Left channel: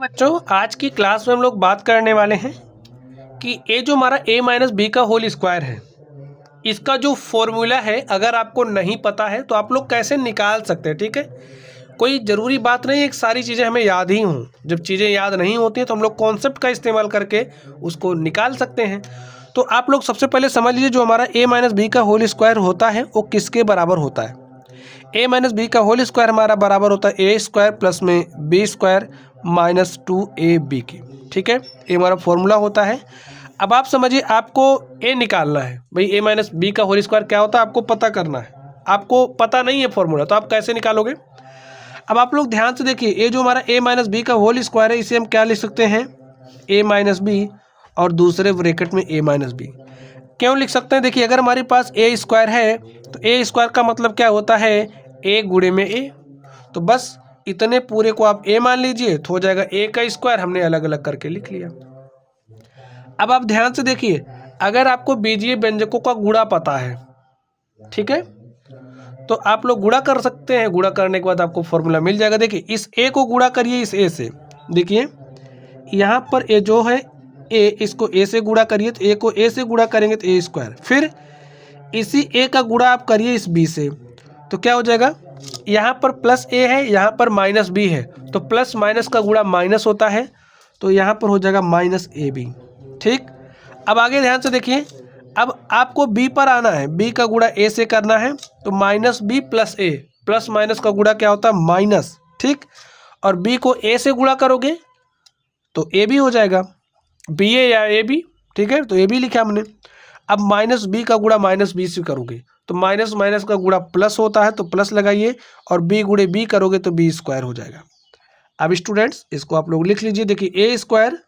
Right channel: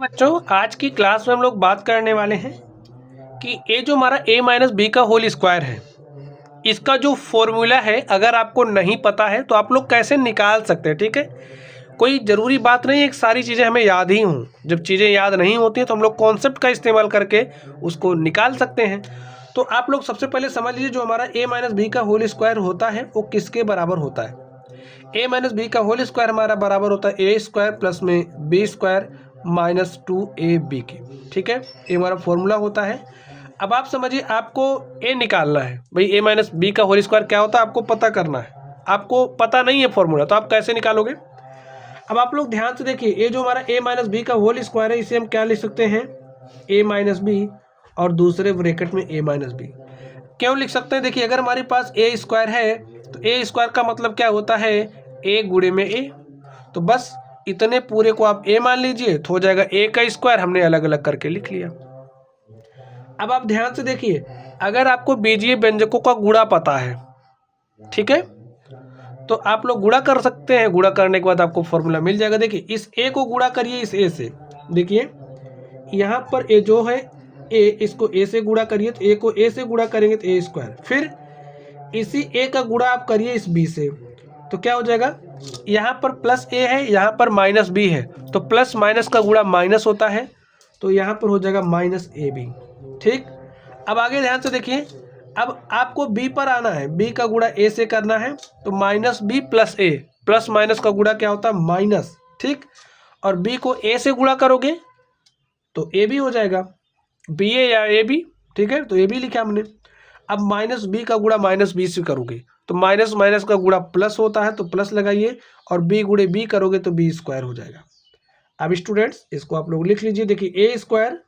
बच्चों, आज की क्लास में हम लोग बात करने वाले हैं कि ये जो हमारा a माइनस बी का होल स्क्वायर है, इसका जो फॉर्मूला है अगर आपको नहीं पता है तो आप लोग कैसे निकाल सकते हैं। ठीक है, कोई ज़रूरी बात नहीं है कि सारी चीज़ें हमें याद ही हों। जब चीज़ें याद नहीं होती हैं तो हम लोग कॉन्सेप्ट का इस्तेमाल करके उसको निकाल सकते हैं। तो आप लोग सबसे पहले समझ लीजिए, जो हमारा a माइनस बी का होल स्क्वायर होता है वो किसके बराबर होता है। a माइनस बी का होल स्क्वायर हमारा बराबर होता है ए स्क्वायर प्लस में बी स्क्वायर माइनस 2ab की। ठीक है, ये हमारा फॉर्मूला होता है। अब आप समझिए, आपको a निकालना है भाई। a माइनस बी का होल स्क्वायर क्या होता है आपको पता करना है। आपको पता नहीं है फॉर्मूला, तो आप कैसे निकालोगे। अब आप लोग ध्यान से देखिए, ये जो हमारा a माइनस बी का होल स्क्वायर है इसे हम क्या लिख सकते हैं, a माइनस बी और दूसरे ब्रैकेट में a माइनस बी। क्यों लिख सकते हैं, देखिए अगर हमारे पास a स्क्वायर है तो a स्क्वायर का मतलब क्या होता है, a गुणे में a। तो बस इतने पूरे को आप a मान लीजिए तो हो जाएगा a का स्क्वायर, हमने अलग अलग करके लिख लिया। अब आप ध्यान से देखिए, अगर आपको बीजीय व्यंजकों का गुणा पता है, ठीक है, तो आप लोग गुणा कर सकते हैं। गुणा करने के बाद आपको फॉर्मूला मिल जाएगा। देखिए इस a को गुणा करिए इस a से। देखिए यहाँ पर a जो है a, इसको a से गुणा करिए तो a को a से गुणा करेंगे तो a स्क्वायर। फिर इसी a का गुणा आप करिए इस b से, तो क्या हो जाएगा, यहाँ पर प्लस a है, यहाँ पर माइनस b है, तो प्लस माइनस का गुणा माइनस होता है, तो यहाँ पर हो जाएगा माइनस ab। ठीक, अब आगे ध्यान से देखिए, अब आपको b पर आना है, b का गुणा a से करना है, तो minus b plus a, plus minus का गुणा क्या होता है माइनस। ठीक, और b को a से गुणा करोगे तो a भी हो जाएगा, b a या a b। ठीक है, तो a भी लिखा हमने। अब माइनस b का गुणा माइनस b से करोगे तो माइनस माइनस का गुणा प्लस होता है, तो प्लस लगाइए, और b गुणे b करोगे तो b स्क्वायर हो जाएगा। अब स्टूडेंट्स इसको आप लोग लिख लीजिए। देखिए a स्क्वायर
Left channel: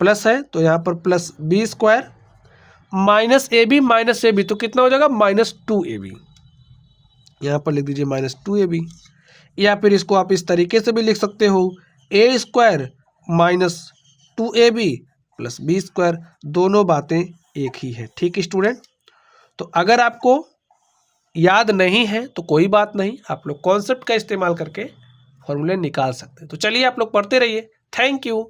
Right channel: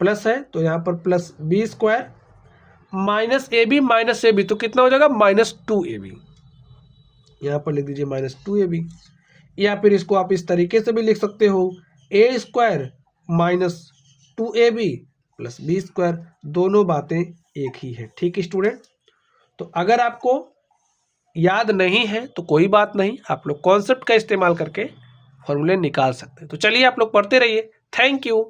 प्लस है तो यहाँ पर plus b square minus A B तो कितना हो जाएगा माइनस 2ab। यहाँ पर लिख दीजिए माइनस 2ab, या फिर इसको आप इस तरीके से भी लिख सकते हो, a square minus 2ab plus b square, दोनों बातें एक ही है। ठीक स्टूडेंट, तो अगर आपको याद नहीं है तो कोई बात नहीं, आप लोग कॉन्सेप्ट का इस्तेमाल करके फॉर्मूले निकाल सकते हैं। तो चलिए आप लोग पढ़ते रहिए। Thank you.